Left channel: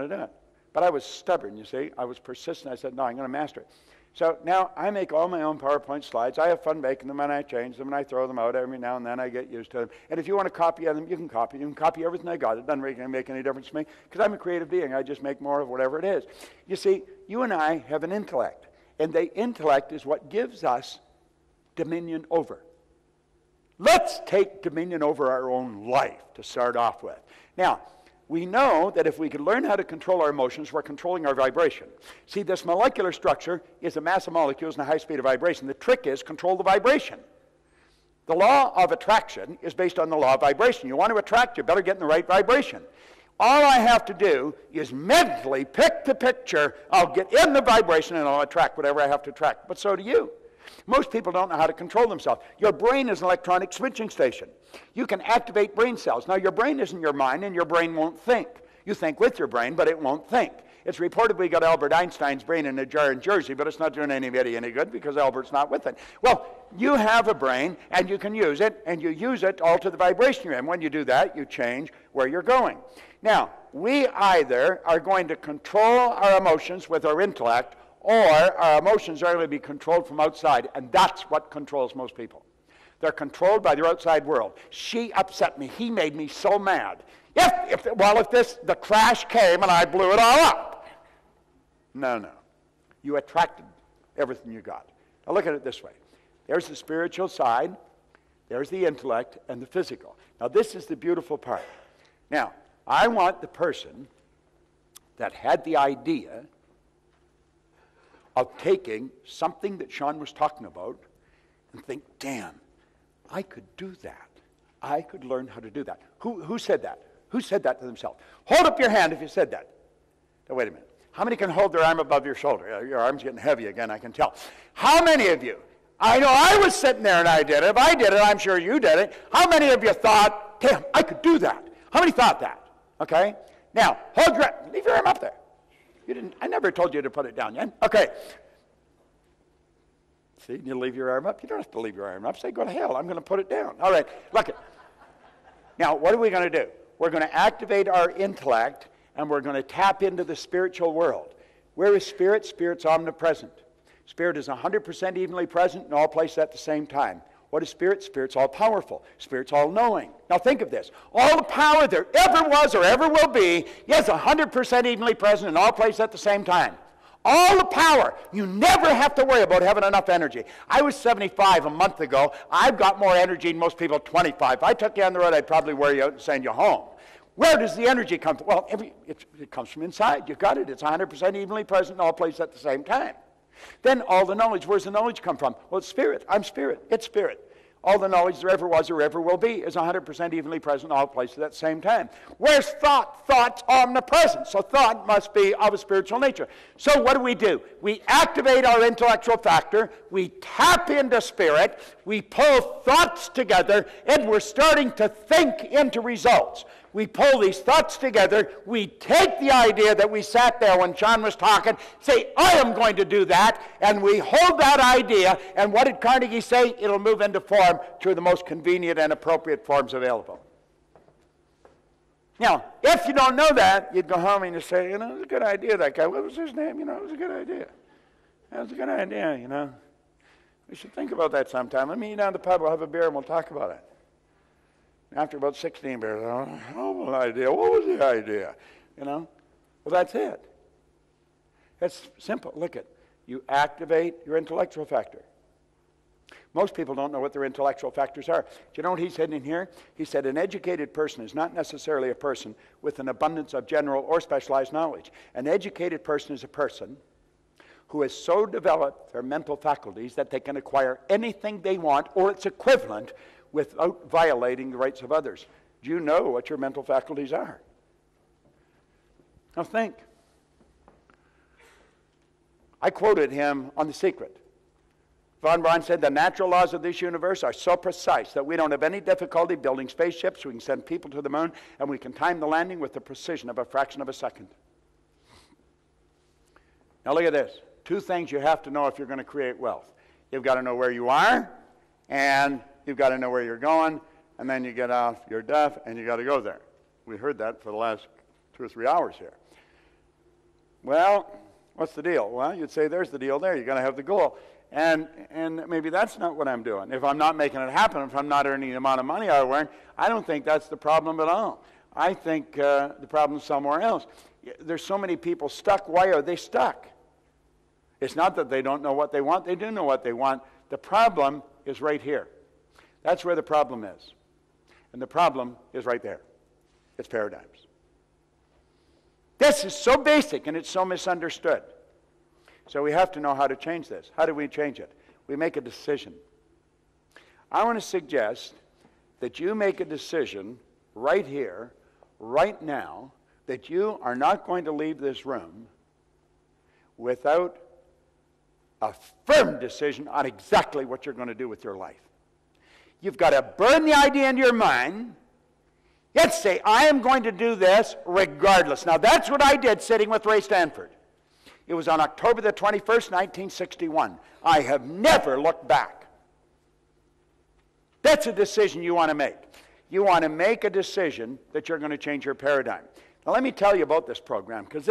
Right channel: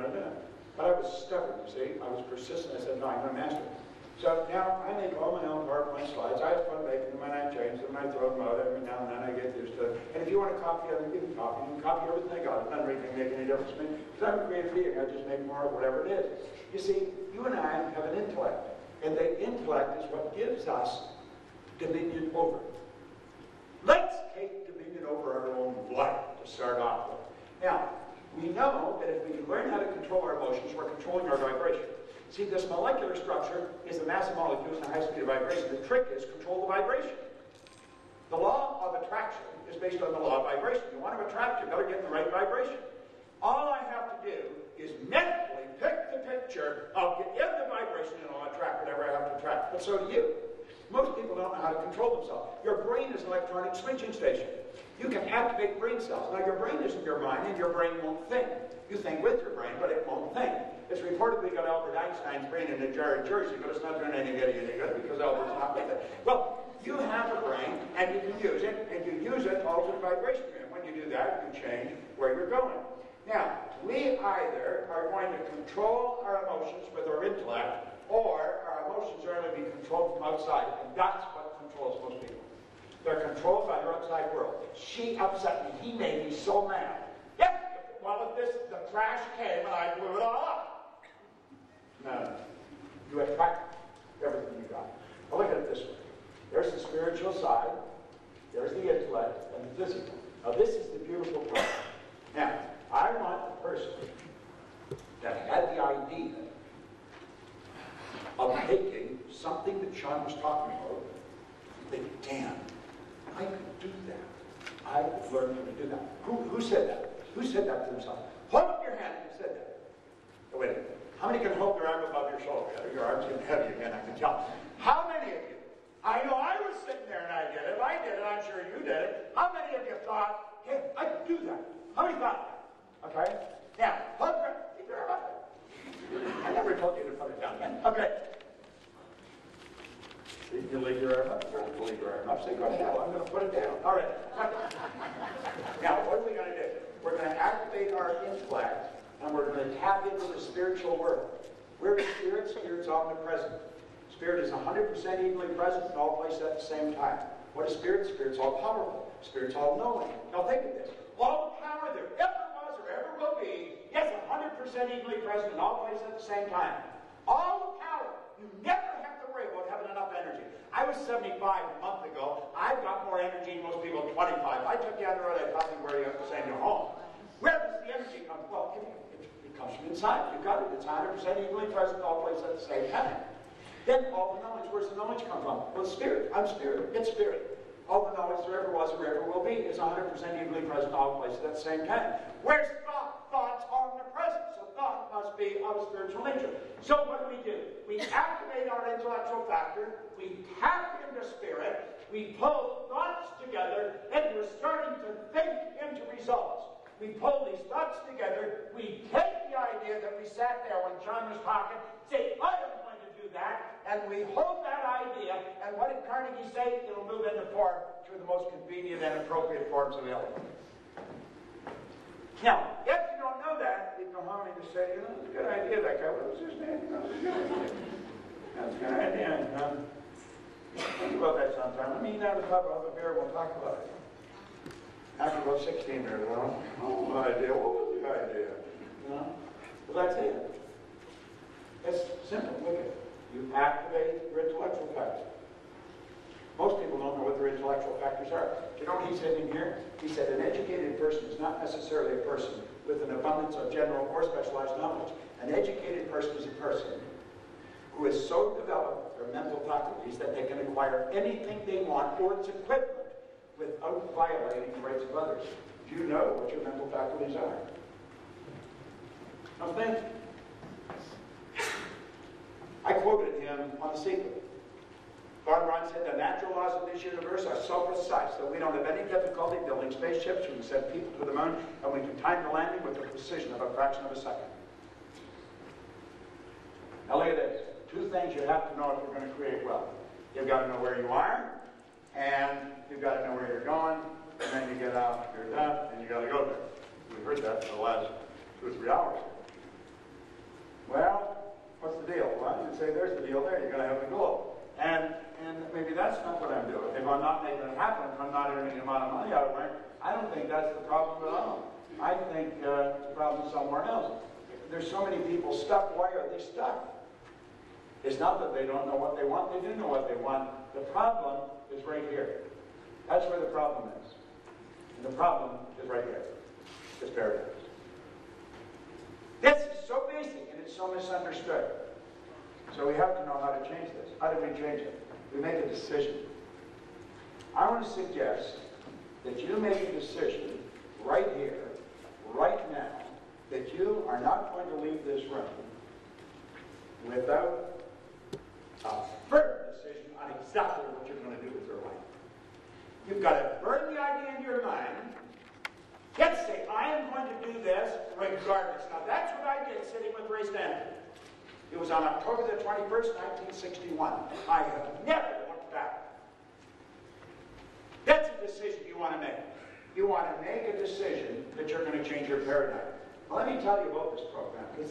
to do it. But I was stubborn, you see. I was persistent. I said, no, I'm going to master it. So now I make all my own PowerPoint slides. I have fun making them, and I change them, and I throw them out every now and then. I get used to it. And if you want to copy them, you can copy them. Copy everything I got. It doesn't really make any difference to me because I'm a creative being. I just make more of whatever it is. You see, you and I have an intellect, and the intellect is what gives us dominion over. Let's take dominion over our own life to start off with. Now, we know that if we can learn how to control our emotions, we're controlling our vibration. See, this molecular structure is the mass of molecules and the high speed of vibration. The trick is control the vibration. The law of attraction is based on the law of vibration. You want to attract, you better get in the right vibration. All I have to do is mentally pick the picture. I'll get in the vibration and I'll attract whatever I have to attract. But so do you. Most people don't know how to control themselves. Your brain is an electronic switching station. You can activate brain cells. Now, your brain isn't your mind, and your brain won't think. You think with your brain, but it won't think. It's reported we got Albert Einstein's brain in a jar in Jersey, but it's not doing anybody any good because Albert's not with it. Well, you have a brain, and you can use it, and you use it all to the vibration you're in. When you do that, you change where you're going. Now, we either are going to control our emotions with our intellect, or our emotions are going to be controlled from outside, and that's what controls most people. They're controlled by their outside world. She upset me. He made me so mad. If the crash came and I blew it all up. No. You attracted everything you got. Now look at it this way. There's the spiritual side, there's the intellect, and the physical. Now this is the beautiful part. Now, I want the person that had the idea of taking something that Sean was talking about and think, damn, I could do that. I could learn how to do that. Who said that? Who said that to themselves? Hold up your hand if you said that. Now, wait a minute. How many can hold their arm above your shoulder? Your arm's getting heavy again, I can tell. How many of you? I know I was sitting there and I did it. If I did it, I'm sure you did it. How many of you thought, damn, I could do that? How many thought that? Okay? Now, leave your arm up there. I never told you to put it down yet. Okay. See, you leave your arm up. You don't have to leave your arm up. Say, go to hell. I'm going to put it down. All right. Look it. Now, what are we going to do? We're going to activate our intellect, and we're going to tap into the spiritual world. Where is spirit? Spirit's omnipresent. Spirit is 100% evenly present in all places at the same time. What is spirit? Spirit's all-powerful. Spirit's all-knowing. Now think of this. All the power there ever was or ever will be is 100% evenly present in all places at the same time. All the power. You never have to worry about having enough energy. I was 75 a month ago. I've got more energy than most people 25. If I took you on the road, I'd probably wear you out and send you home. Where does the energy come from? Well, it comes from inside. You've got it. It's 100% evenly present in all places at the same time. Then all the knowledge. Where's the knowledge come from? Well, it's spirit. I'm spirit. It's spirit. All the knowledge there ever was or ever will be is 100% evenly present in all places at the same time. Where's thought? Thought's omnipresent. So thought must be of a spiritual nature. So what do? We activate our intellectual factor. We tap into spirit. We pull thoughts together, and we're starting to think into results. We pull these thoughts together. We take the idea that we sat there when John was talking, say, I am going to do that, and we hold that idea, and what did Carnegie say? It'll move into form through the most convenient and appropriate forms available. Now, if you don't know that, you'd go home and you say, you know, it was a good idea, that guy. What was his name? You know, it was a good idea. That was a good idea, you know. You should think about that sometime. Let me meet you down at the pub, we'll have a beer, and we'll talk about it. After about 16 beers, what was the idea? You know? Well, that's it. That's simple. Look at it. You activate your intellectual factor. Most people don't know what their intellectual factors are. Do you know what he said in here? He said an educated person is not necessarily a person with an abundance of general or specialized knowledge. An educated person is a person who has so developed their mental faculties that they can acquire anything they want or its equivalent without violating the rights of others. Do you know what your mental faculties are? Now think. I quoted him on The Secret. Von Braun said, the natural laws of this universe are so precise that we don't have any difficulty building spaceships, we can send people to the moon, and we can time the landing with the precision of a fraction of a second. Now look at this. Two things you have to know if you're going to create wealth. You've got to know where you are, and you've got to know where you're going, and then you get off your duff, and you got to go there. We heard that for the last 2 or 3 hours here. Well, what's the deal? Well, you'd say, there's the deal there. You're going to have the goal. And maybe that's not what I'm doing. If I'm not making it happen, if I'm not earning the amount of money I earn, I don't think that's the problem at all. I think the problem's somewhere else. There's so many people stuck. Why are they stuck? It's not that they don't know what they want. They do know what they want. The problem is right here. That's where the problem is. And the problem is right there. It's paradigms. This is so basic and it's so misunderstood. So we have to know how to change this. How do we change it? We make a decision. I want to suggest that you make a decision right here, right now, that you are not going to leave this room without a firm decision on exactly what you're going to do with your life. You've got to burn the idea into your mind. Yet say, I am going to do this regardless. Now that's what I did sitting with Ray Stanford. It was on October the 21st, 1961. I have never looked back. That's a decision you want to make. You want to make a decision that you're going to change your paradigm. Now let me tell you about this program, because this